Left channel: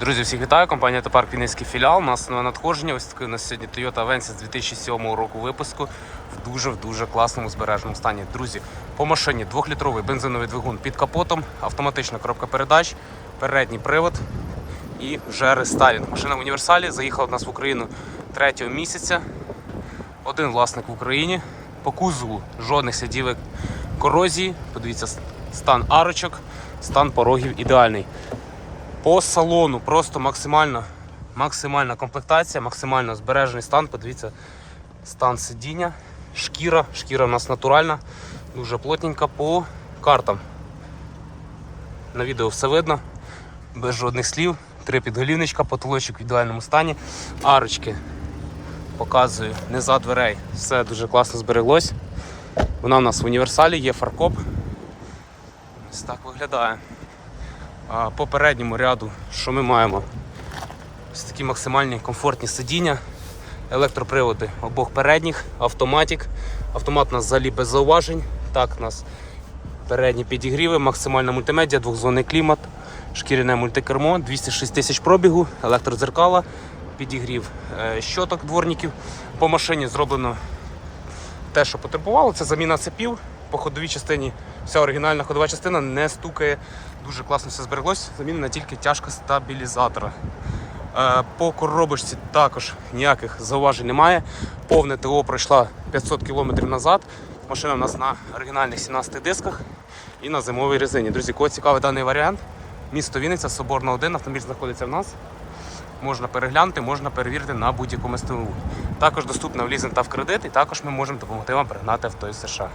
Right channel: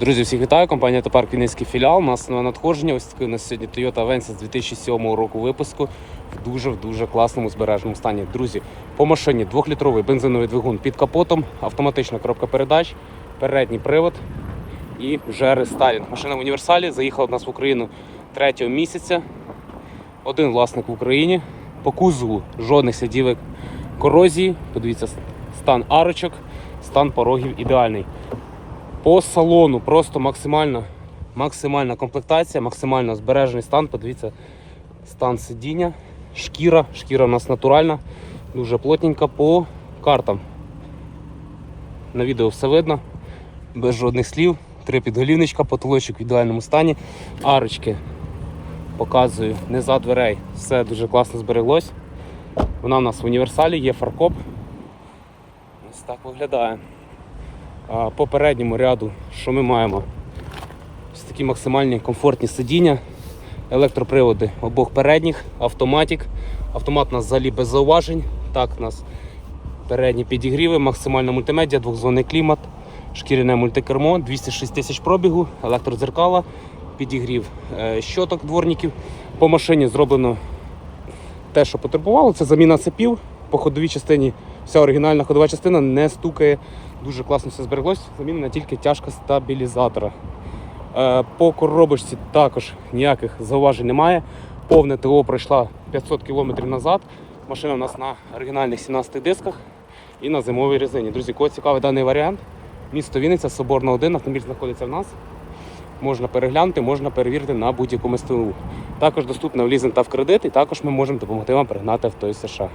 Друзі, всіх вітаю. Компанія Топарк Вінницький філіал. У нас нове надходження. Ось такий у нас сьогодні Toyota Avensis 2007 року випуску в дуже в дуже класному збереженому стані. Друзі, по машині двохлітровий бензиновий двигун під капотом, автоматична коробка передач, передній привод і вже рестайлінг. Машина в універсалі заїхала до нас в Україну 3 місяця. Один власник в Україні. По кузову жодних слідів корозії. Подивіться, стан арочок, стан порогів ідеальний. По салону просто максимально, максимальна комплектація, максимально збережений стан. Подивіться, стан сидіння, шкіра. Шкіра у нас натуральна, дуже плотненька по картам. На відео все видно, без жодних слів. Три підголівничка, потолочок в ідеальному стані. Арочки показую не за дверей. Все дуже класно збереглось. Вона у нас в універсалі, є фаркоп. Ось так виглядає. А по ряду, що ми маємо? Ось такі максимальні комфортні сидіння, електроприводи обох передніх, автоматик. Автомат у нас взагалі без зауважень. Так, у нас передні підігріви, максимальна мультимедіа, двохзонний клімат, шкіряне мультикермо, 206 тисяч пробігу, електродзеркала, підігрів е, щоток дворників. По машині зроблено те, що потребувало, це заміна цепів. По ходовій частині вся оригінальна ходова частина не стукає. Дуже класно все збереглось. Замінена тільки тяжка стабілізатора. Е, По коробочці також ніяких зауважень немає. Повне ТО пройшла 500 км назад. Машина у нас на оригінальних 17 дисках і на зимовій резині. Друзі, кого цікавий даний варіант, місто Вінниця, Соборна 1, автомобіль знаходиться в нас. Можна переглянути, можна перевірити на будь-якому СТУ. Також доступна в лізинг та в кредит, і також ми можемо допомогти вам пригнати авто із США.